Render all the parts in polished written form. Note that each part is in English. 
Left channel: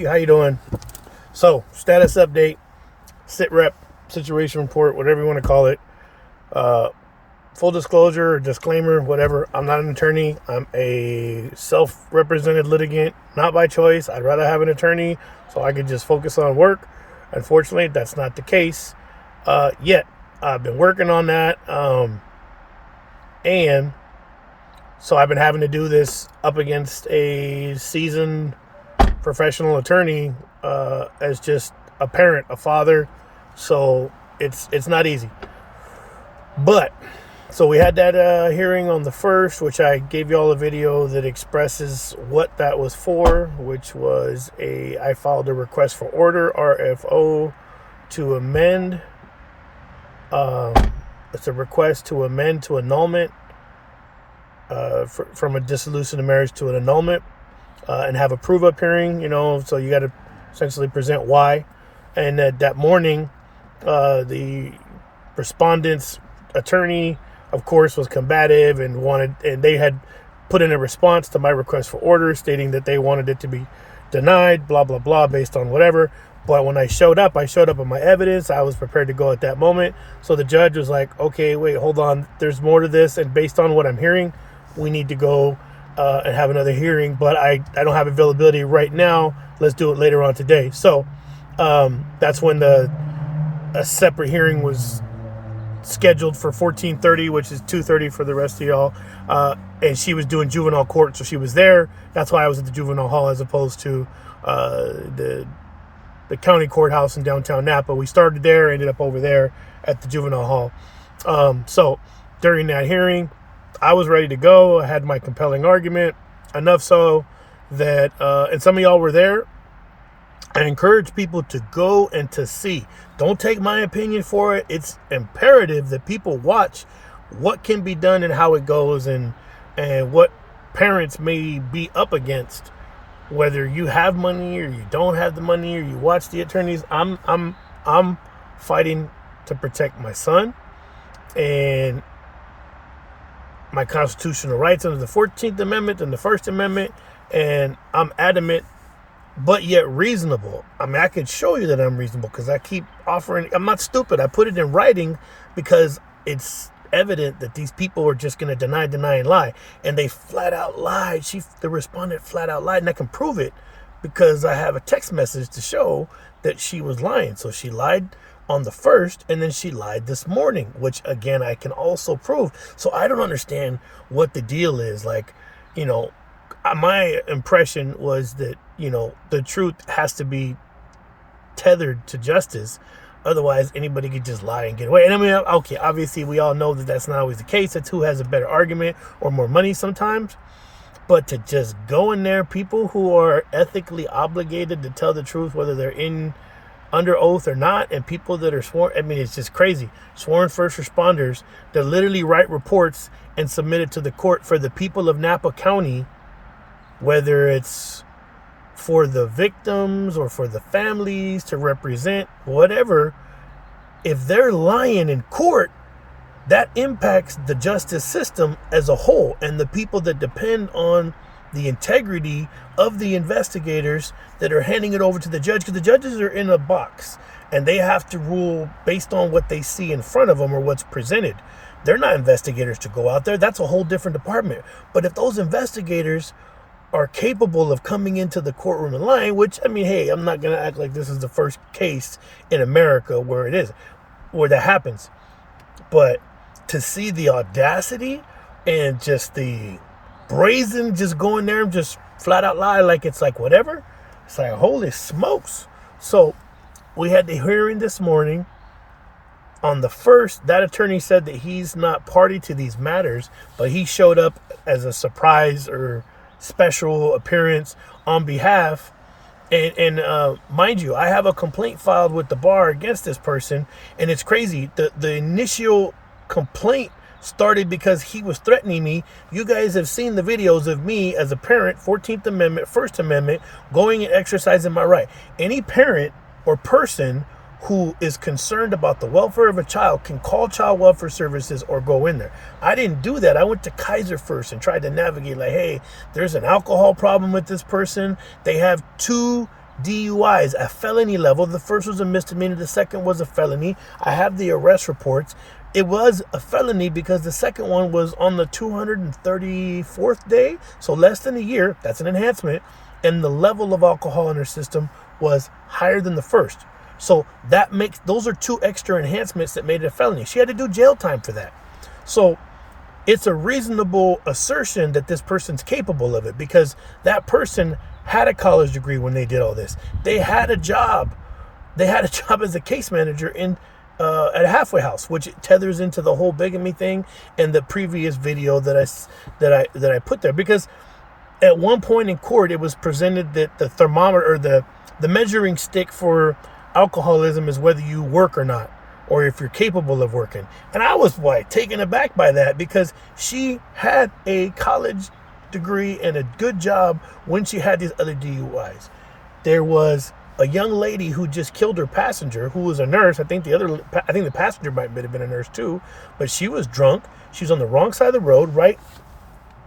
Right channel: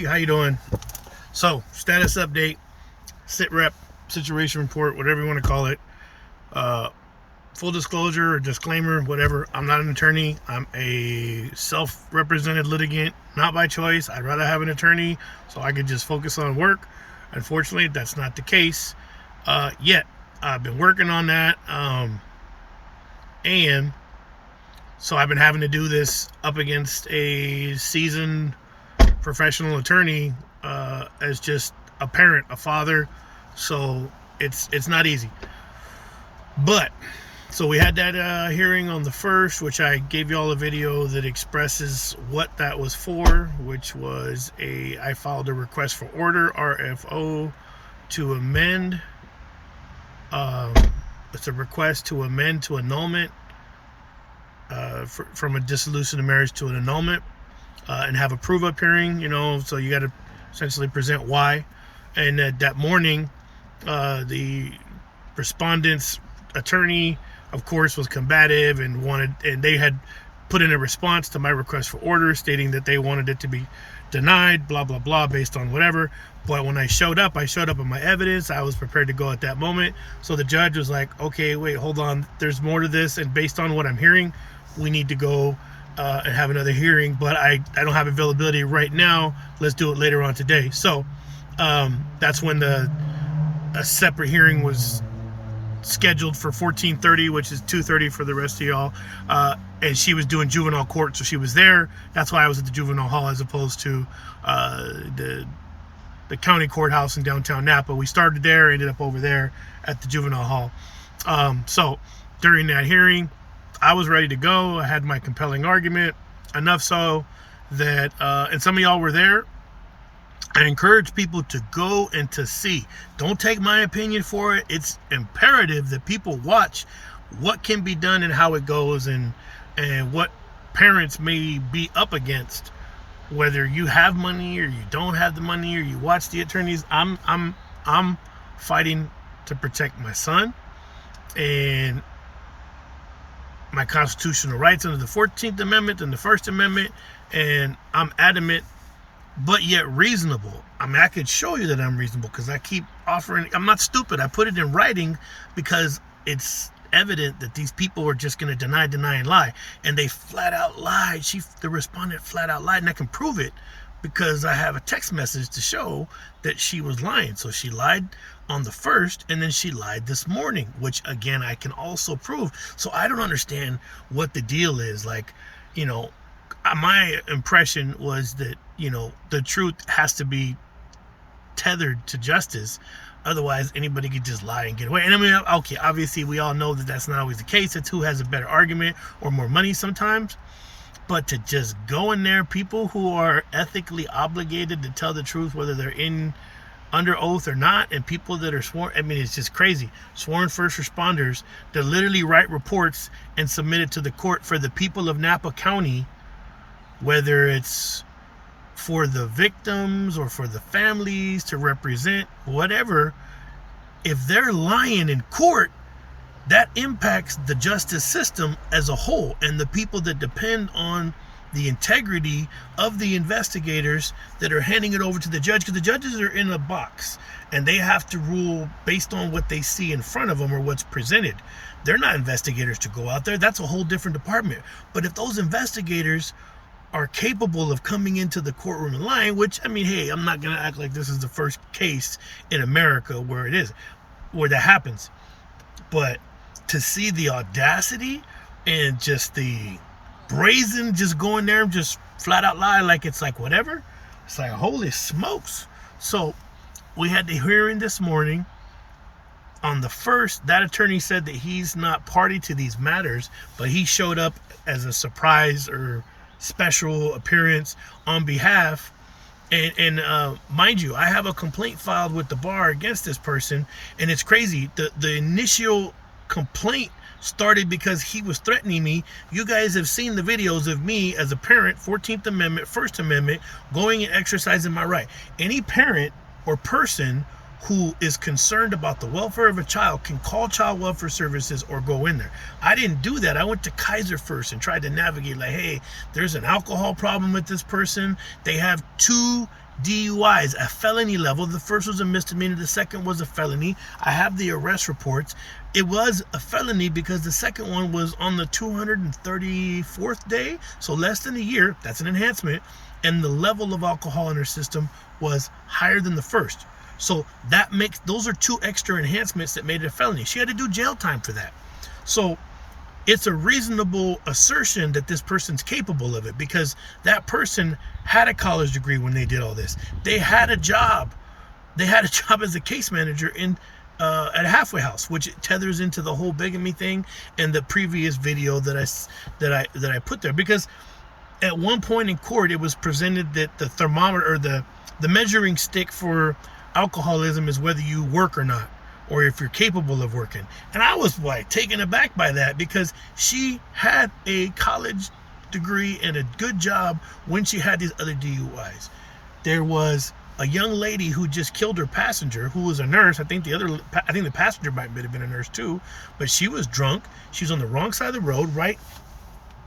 Hey, how you doing? So, status update, sit rep, situation report, whatever you want to call it. Full disclosure or disclaimer, whatever. I'm not an attorney. I'm a self-represented litigant, not by choice. I'd rather have an attorney so I could just focus on work. Unfortunately, that's not the case yet. I've been working on that, and so I've been having to do this up against a seasoned professional attorney as just a parent, a father. So it's not easy. But so we had that hearing on the 1st, which I gave you all a video that expresses what that was for, which was I filed a request for order, RFO, to amend. It's a request to amend to annulment from a dissolution of marriage to an annulment. And have a prove-up hearing, so you got to essentially present why. And that morning, the respondent's attorney, of course, was combative and they had put in a response to my request for order stating that they wanted it to be denied, blah, blah, blah, based on whatever. But when I showed up with my evidence. I was prepared to go at that moment. So the judge was like, okay, wait, hold on. There's more to this. And based on what I'm hearing, we need to go and have another hearing, but I don't have availability right now. Let's do it later on today. So that's when a separate hearing was scheduled for 14:30, which is 2:30 for the rest of y'all. And she was doing juvenile court, so she was there. That's why I was at the juvenile hall as opposed to the county courthouse in downtown Napa. We started there, ended up over there at the juvenile hall. So during that hearing, I was ready to go. I had my compelling argument, enough so that, and some of y'all were there. I encourage people to go and to see. Don't take my opinion for it. It's imperative that people watch what can be done and how it goes, and what parents may be up against, whether you have money or you don't have the money or you watch the attorneys. I'm fighting to protect my son and my constitutional rights under the 14th Amendment and the First Amendment, and I'm adamant, but yet reasonable. I mean, I could show you that I'm reasonable because I keep offering. I'm not stupid. I put it in writing because it's evident that these people were just going to deny, and lie, and they flat out lied. The respondent flat out lied, and I can prove it because I have a text message to show that she was lying. So she lied on the 1st, and then she lied this morning, which again I can also prove. So I don't understand what the deal is. Like, my impression was that the truth has to be tethered to justice, otherwise anybody could just lie and get away. And I mean, okay, obviously we all know that that's not always the case. That's who has a better argument or more money sometimes. But to just go in there, people who are ethically obligated to tell the truth, whether they're under oath or not, and people that are sworn, I mean, it's just crazy. Sworn first responders that literally write reports and submit it to the court for the people of Napa County, whether it's for the victims or for the families to represent, whatever. If they're lying in court, that impacts the justice system as a whole and the people that depend on the integrity of the investigators that are handing it over to the judge, because the judges are in a box and they have to rule based on what they see in front of them or what's presented. They're not investigators to go out there. That's a whole different department. But if those investigators are capable of coming into the courtroom and lying, which, I mean, hey, I'm not going to act like this is the first case in America where that happens. But to see the audacity and just the brazen, just going there and just flat out lie like it's like whatever, it's like, holy smokes. So we had the hearing this morning. On the 1st, that attorney said that he's not party to these matters, but he showed up as a surprise or special appearance on behalf. And mind you, I have a complaint filed with the bar against this person, and it's crazy. The initial complaint started because he was threatening me. You guys have seen the videos of me as a parent, 14th Amendment, First Amendment, going and exercising my right. Any parent or person who is concerned about the welfare of a child can call child welfare services or go in there. I didn't do that. I went to Kaiser first and tried to navigate like, hey, there's an alcohol problem with this person. They have 2 DUIs at felony level. The first was a misdemeanor, the second was a felony. I have the arrest reports. It was a felony because the second one was on the 234th day, so less than a year. That's an enhancement. And the level of alcohol in her system was higher than the first. So that makes, those are two extra enhancements that made it a felony. She had to do jail time for that. So it's a reasonable assertion that this person's capable of it, because that person had a college degree when they did all this. They had a job. They had a job as a case manager in at a halfway house, which tethers into the whole bigamy thing and the previous video that I put there. Because at one point in court, it was presented that the thermometer, or the measuring stick for alcoholism, is whether you work or not, or if you're capable of working. And I was taken aback by that, because she had a college degree and a good job when she had these other DUIs. There was a young lady who just killed her passenger, who was a nurse. I think the passenger might have been a nurse too, but she was drunk. She was on the wrong side of the road, right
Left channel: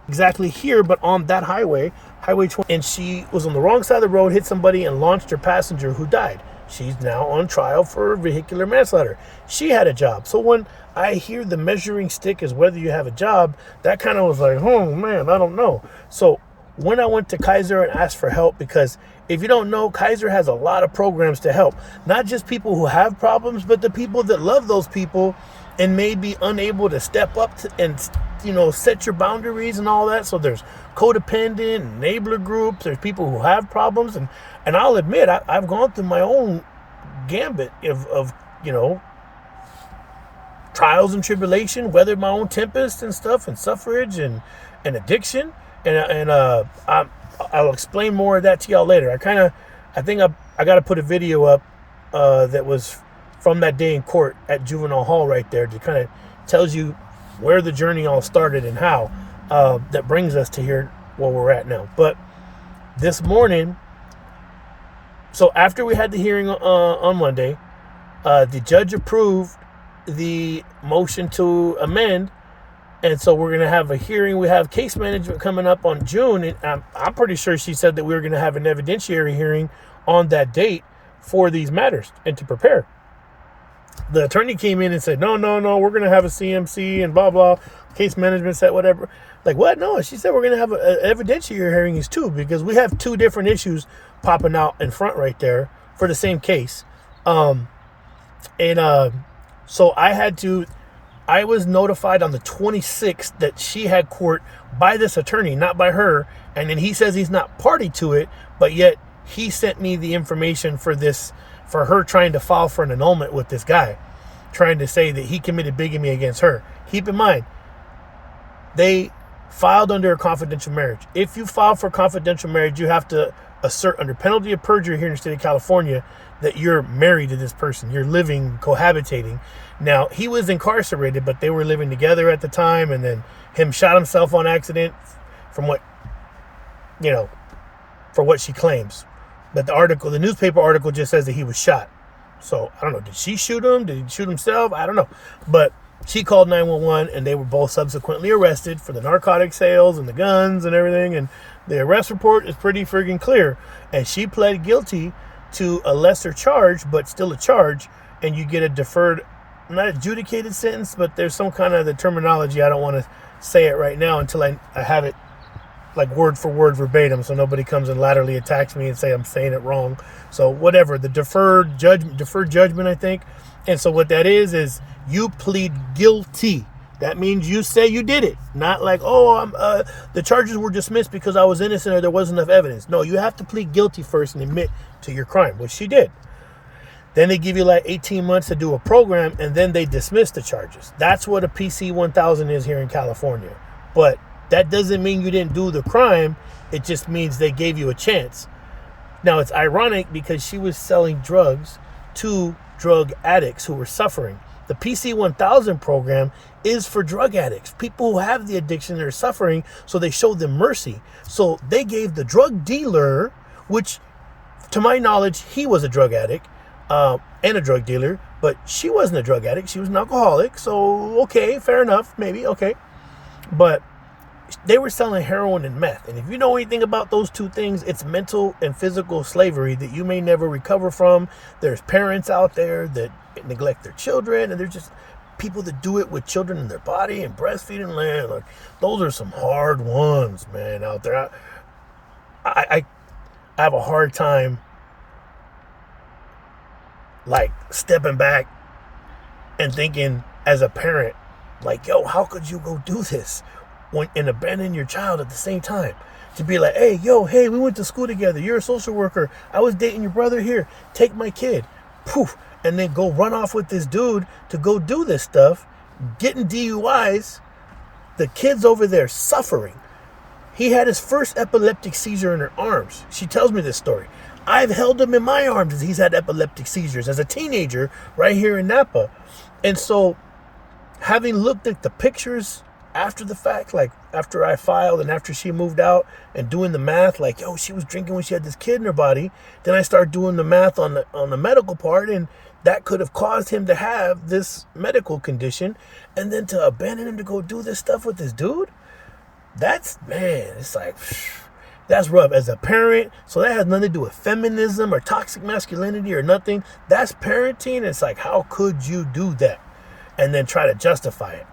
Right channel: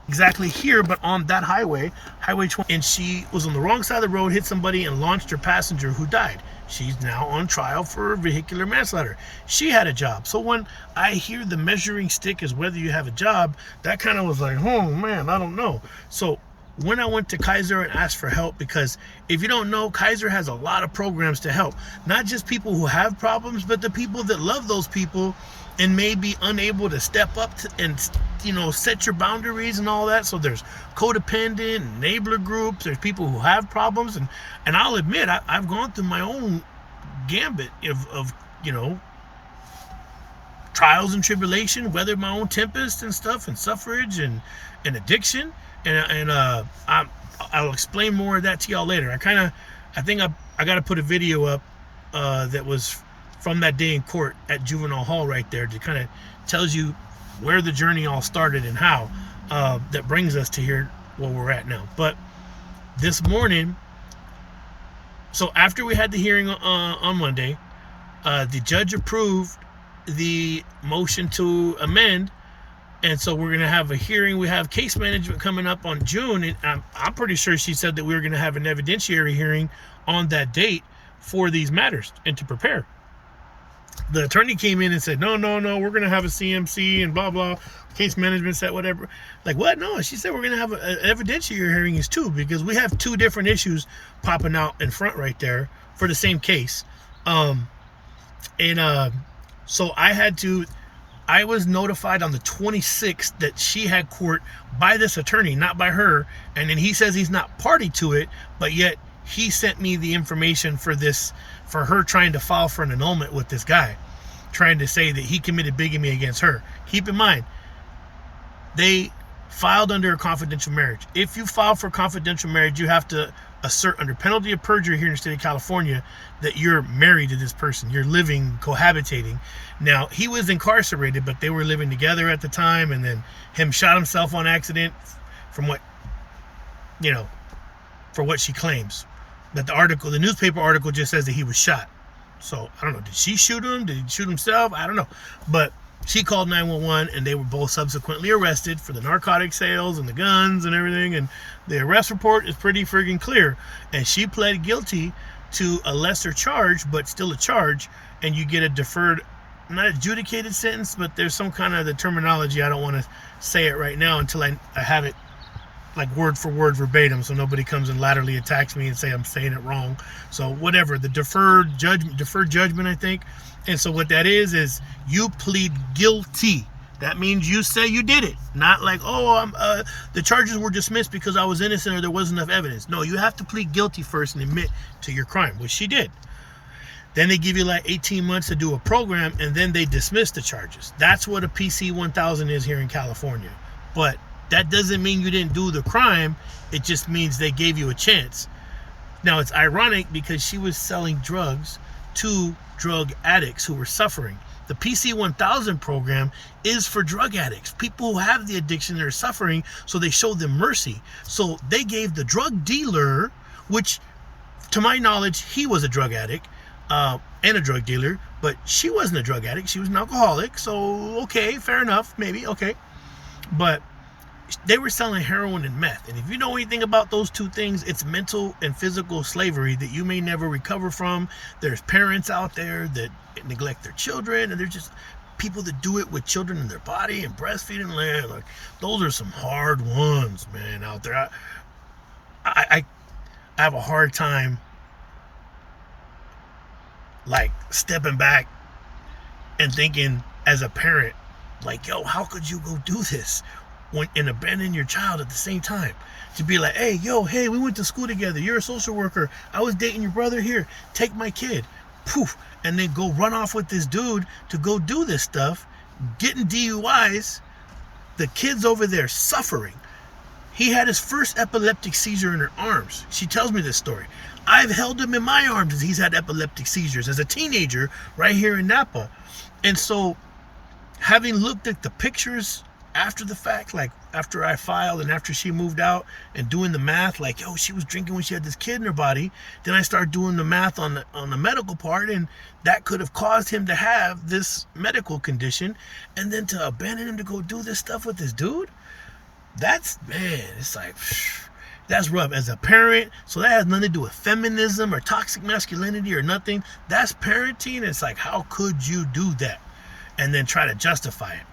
exactly here, but on that highway 20, and she was on the wrong side of the road, hit somebody and launched her passenger, who died. She's now on trial for vehicular manslaughter. She had a job. So when I hear the measuring stick is whether you have a job, that kind of was like, oh man, I don't know. So when I went to Kaiser and asked for help, because if you don't know, Kaiser has a lot of programs to help, not just people who have problems, but the people that love those people and may be unable to step up and set your boundaries and all that. So there's codependent, enabler groups, there's people who have problems, and I'll admit I've gone through my own gambit of trials and tribulation, weathered my own tempest and stuff, and suffrage and addiction. And I'll explain more of that to y'all later. I think I got to put a video up that was from that day in court at Juvenile Hall right there, to kind of tells you where the journey all started and how that brings us to here where we're at now. But this morning, so after we had the hearing on Monday, the judge approved the motion to amend. And so we're going to have a hearing. We have case management coming up on June. And I'm pretty sure she said that we were going to have an evidentiary hearing on that date for these matters and to prepare. The attorney came in and said, no, we're going to have a CMC and blah, blah. Case management said whatever. Like, what? No, she said we're going to have an evidentiary hearing is too, because we have two different issues popping out in front right there for the same case. So I was notified on the 26th that she had court by this attorney, not by her. And then he says he's not party to it, but yet he sent me the information for this, for her trying to file for an annulment with this guy, trying to say that he committed bigamy against her. Keep in mind, they filed under a confidential marriage. If you file for confidential marriage, you have to assert under penalty of perjury here in the state of California that you're married to this person. You're living, cohabitating. Now, he was incarcerated, but they were living together at the time, and then him shot himself on accident from what, for what she claims. But the newspaper article just says that he was shot. So, I don't know. Did she shoot him? Did he shoot himself? I don't know. But she called 911, and they were both subsequently arrested for the narcotic sales and the guns and everything. And the arrest report is pretty friggin' clear. And she pled guilty to a lesser charge, but still a charge. And you get a deferred, not adjudicated sentence, but there's some kind of the terminology. I don't want to say it right now until I have it like word for word verbatim, so nobody comes and laterally attacks me and say I'm saying it wrong. So whatever, the deferred judgment, I think. And so what that is you plead guilty. That means you say you did it. Not like, the charges were dismissed because I was innocent or there wasn't enough evidence. No, you have to plead guilty first and admit to your crime, which she did. Then they give you like 18 months to do a program, and then they dismiss the charges. That's what a PC 1000 is here in California. But that doesn't mean you didn't do the crime. It just means they gave you a chance. Now, it's ironic because she was selling drugs to drug addicts who were suffering. The PC 1000 program is for drug addicts, people who have the addiction that are suffering, so they showed them mercy. So they gave the drug dealer, which to my knowledge, he was a drug addict and a drug dealer, but she wasn't a drug addict. She was an alcoholic. So, okay, fair enough, maybe, okay. But they were selling heroin and meth. And if you know anything about those two things, it's mental and physical slavery that you may never recover from. There's parents out there that neglect their children, and there's just people that do it with children in their body and breastfeeding land. Like, those are some hard ones, man, out there. I have a hard time, like, stepping back and thinking as a parent, like, yo, how could you go do this and abandon your child at the same time? To be like, hey, we went to school together. You're a social worker. I was dating your brother. Here, take my kid. Poof. And then go run off with this dude to go do this stuff, getting DUIs. The kid's over there suffering. He had his first epileptic seizure in her arms. She tells me this story. I've held him in my arms as he's had epileptic seizures as a teenager right here in Napa. And so, having looked at the pictures after the fact, like after I filed and after she moved out, and doing the math, like, yo, she was drinking when she had this kid in her body. Then I started doing the math on the medical part, and that could have caused him to have this medical condition. And then to abandon him to go do this stuff with this dude, that's, man, it's like, that's rough as a parent. So that has nothing to do with feminism or toxic masculinity or nothing. That's parenting. It's like, how could you do that? And then try to justify it.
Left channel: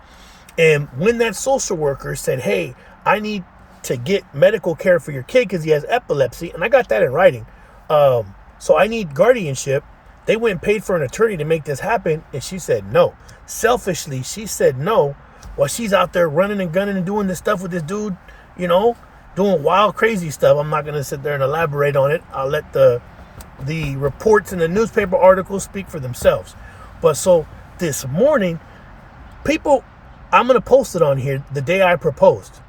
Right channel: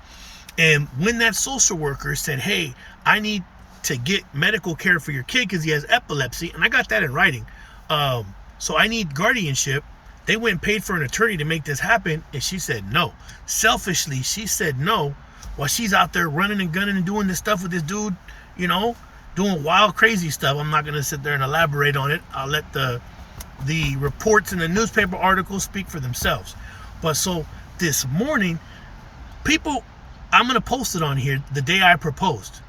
And when that social worker said, hey, I need to get medical care for your kid because he has epilepsy, and I got that in writing, so I need guardianship, they went and paid for an attorney to make this happen, and she said no. Selfishly, she said no, while she's out there running and gunning and doing this stuff with this dude, you know, doing wild, crazy stuff. I'm not going to sit there and elaborate on it. I'll let the reports and the newspaper articles speak for themselves. But so this morning, people, I'm going to post it on here the day I proposed.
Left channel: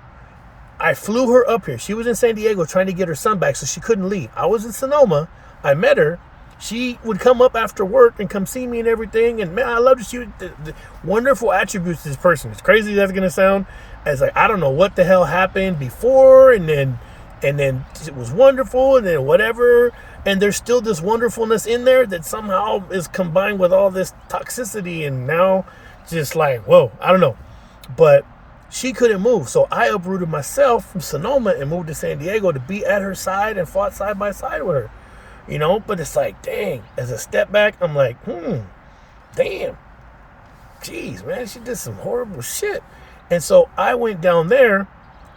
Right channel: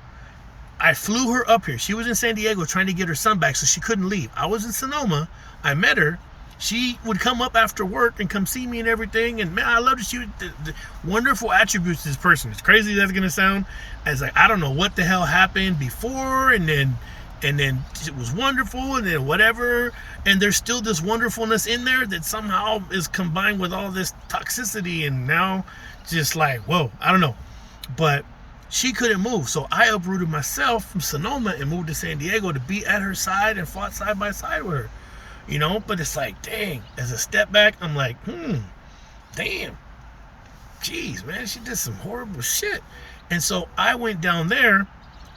I flew her up here. She was in San Diego trying to get her son back, so she couldn't leave. I was in Sonoma. I met her. She would come up after work and come see me and everything. And man, I loved her. She was the wonderful attributes of this person. As crazy as that's going to sound, as like, I don't know what the hell happened before, and then it was wonderful, and then whatever. And there's still this wonderfulness in there that somehow is combined with all this toxicity, and now just like, whoa, I don't know. But she couldn't move, so I uprooted myself from Sonoma and moved to San Diego to be at her side and fought side by side with her, you know. But it's like, dang, as a step back, I'm like, damn, geez, man, she did some horrible shit. And so I went down there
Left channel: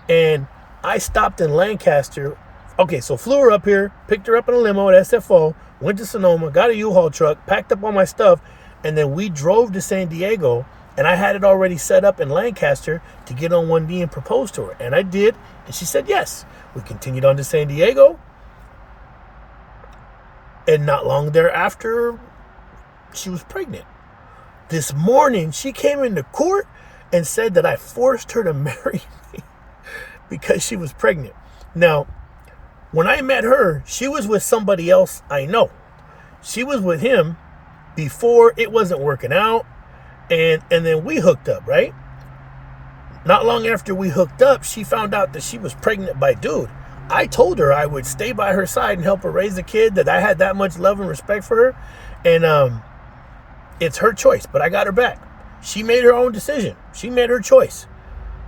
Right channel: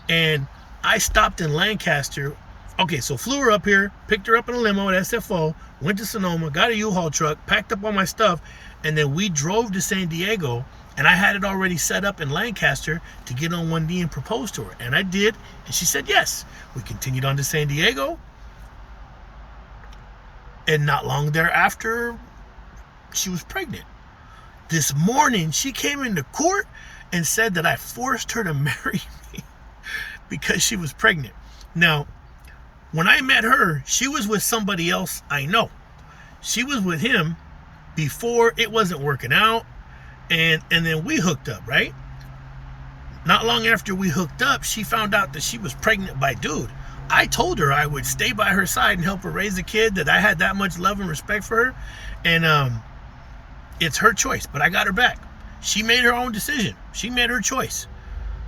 and I stopped in Lancaster. Okay, so flew her up here, picked her up in a limo at SFO, went to Sonoma, got a U-Haul truck, packed up all my stuff, and then we drove to San Diego. And I had it already set up in Lancaster to get on one knee and propose to her. And I did, and she said yes. We continued on to San Diego. And not long thereafter, she was pregnant. This morning, she came into court and said that I forced her to marry me because she was pregnant. Now, when I met her, she was with somebody else I know. She was with him before it wasn't working out. And then we hooked up, right? Not long after we hooked up, she found out that she was pregnant by dude. I told her I would stay by her side and help her raise a kid, that I had that much love and respect for her. And it's her choice, but I got her back. She made her own decision. She made her choice.